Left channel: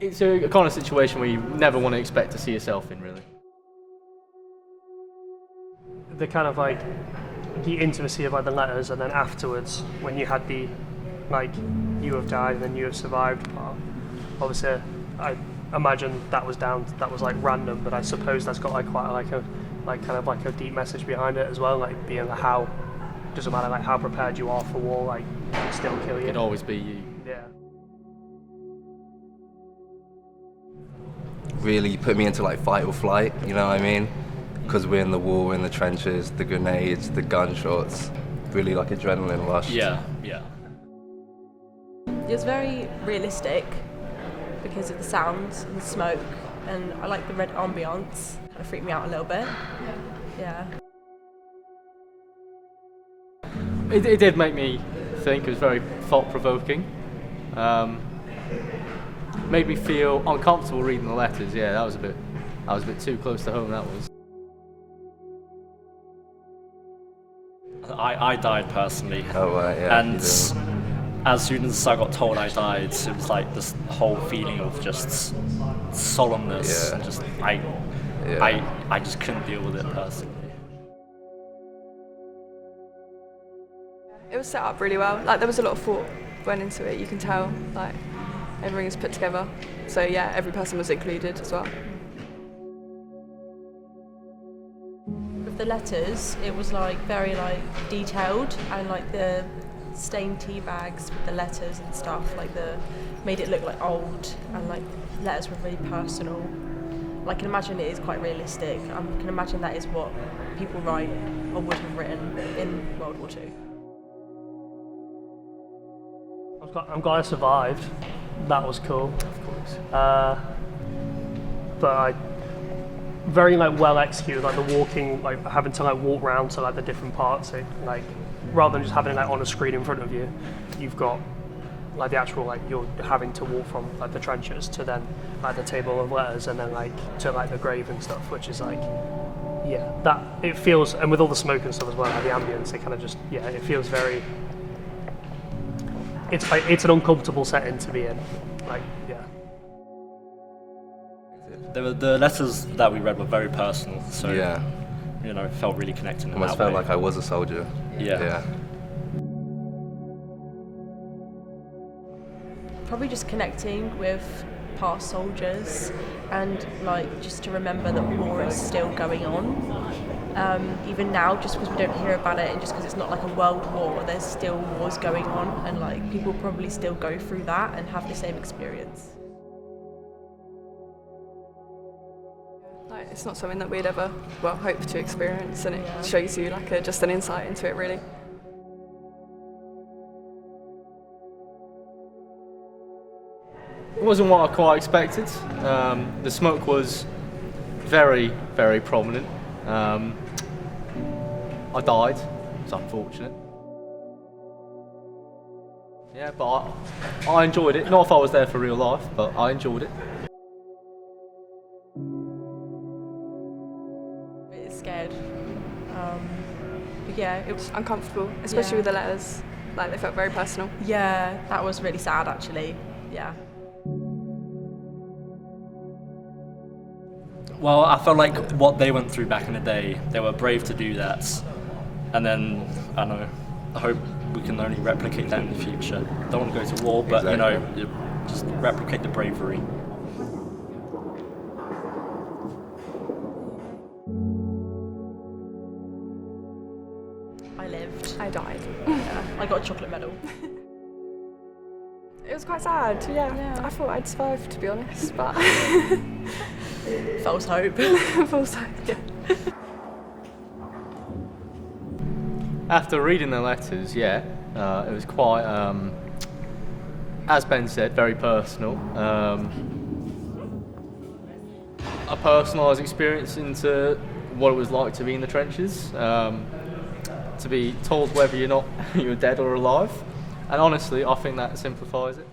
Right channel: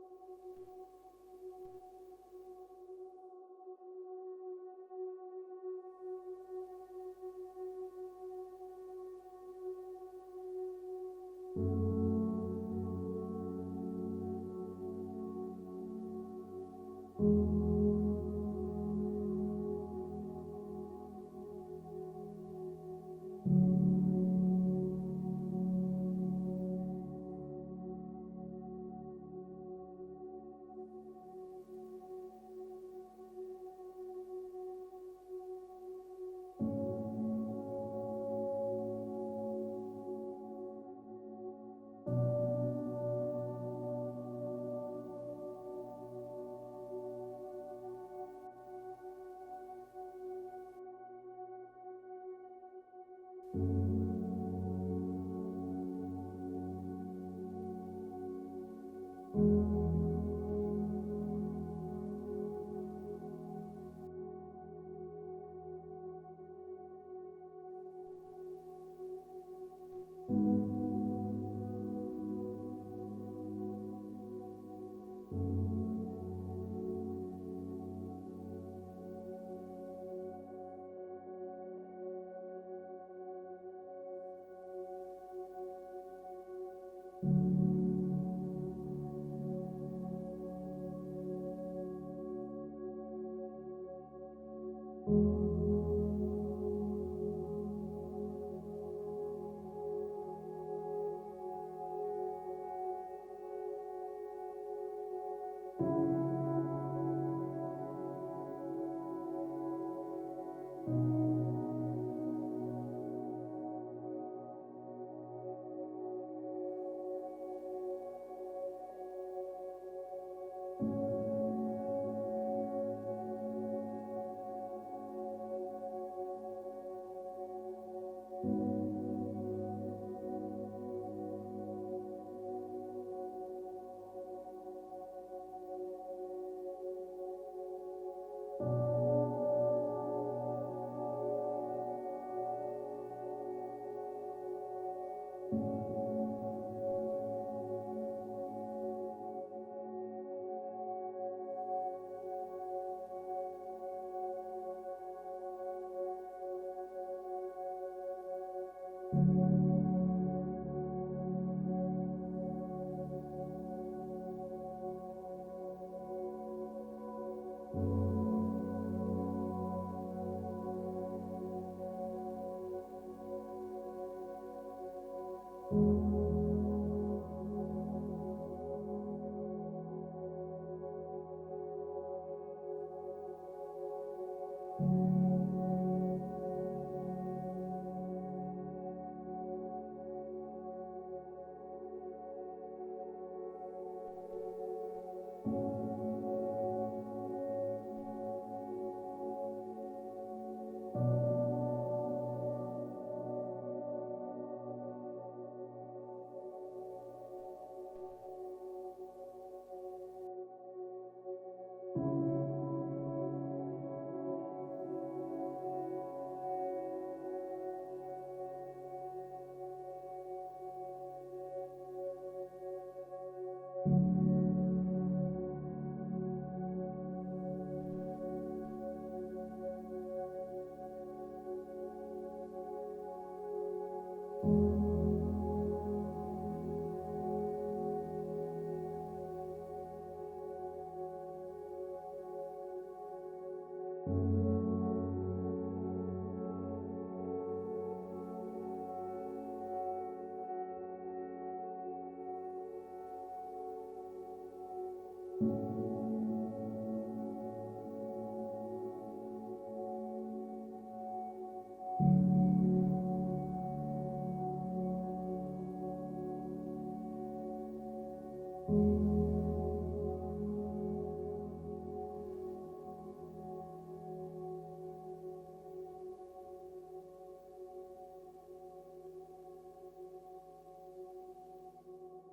It's a kind of situation where you never want to expect to see yourself in, really. The kind of like the intimacy of like the letters, and then afterwards when you had the like you have died and then you have survived part. Obviously, I imagine that was like random, but I suppose that's got like quite like a deep message behind it as well, like being like how doesn't matter like how prepared you are for war, like it'll still kill you. It'll always be you. Yeah. Really put me into like fight or flight, you know what I mean? Because we're in the war, we're in the trenches, the grenades, the gunshots, really like adrenaline rush. Yeah. It was very realistic because of the sounds and the smoke, and I like the red ambience. Kind of freaked me out a little bit. Yeah. It did make me think. It was very thought-provoking. Made me feel uncomfortable reading the letters. Yeah, that was a bit too close to home. That was. I died personally. Oh, right, yeah. And as soon as I got told I died, it was like this whole feeling of just solemnness, Yeah. and just Yeah. I just couldn't deal with it personally. It was set up really well. Like there was a lot of thought went into it. You can tell like everything is put together. So yeah, every person was included as well. With the letters, it was like very like detailed, and like the stained tea bags with the letters and stuff, like made it look like old, and like letters were really personal. I can imagine it is quite realistic. I can imagine that is what people write or would have written in World War II. I'm glad I survived. That was cool. Of course. But very like well executed, like the walking, like having to like walk around to like the different parts. It, like rather than just having it like on a screen in front of you, you've got like the actual like you're having to walk from like the trenches to then like the table of letters, and then like to like the grave and stuff, which is like yeah, that it feels, and with all the smoke and stuff as well, like the ambience, it kind of just it feels very. It's like it's an uncomfortable setting to be in, like yeah. The letters that we read were very personal, so Yeah. you know, it felt really connected in Almost that felt way. like I was a soldier. Yeah. Probably just connecting with past soldiers, and like just to remember that war is still going on. Even now, just because we don't hear about it, and just because it's not like a world war, there's still wars going on, and like people probably still go through that and have the same experience. Like it's not something that we'd ever hope to experience, and it shows you like just an insight into it really. It wasn't what I quite expected. The smoke was very, very prominent. I died. It's unfortunate. Yeah, but I enjoyed it. Not if I was there for real life, but I enjoyed it. Bit scared. But yeah, it was. Uncomfortable, especially with the letters. Like they felt very personal. Yeah, that was really sad actually. Yeah. Well, I felt like what they went through back in the day, they were brave to do that. And then, I don't know, I hope we can only replicate that in the future. Don't want to go to war, but you know, just replicate the bravery. I lived. I died. Yeah, I got a chocolate medal. It was quite sad, yeah. I thought I'd survive, to be honest, but False hope. false hope, yeah. After reading the letters, it was quite, as Ben said, very personal. A personalised experience into what it was like to be in the trenches, to be told whether you're dead or alive. And honestly, I think that simplifies it.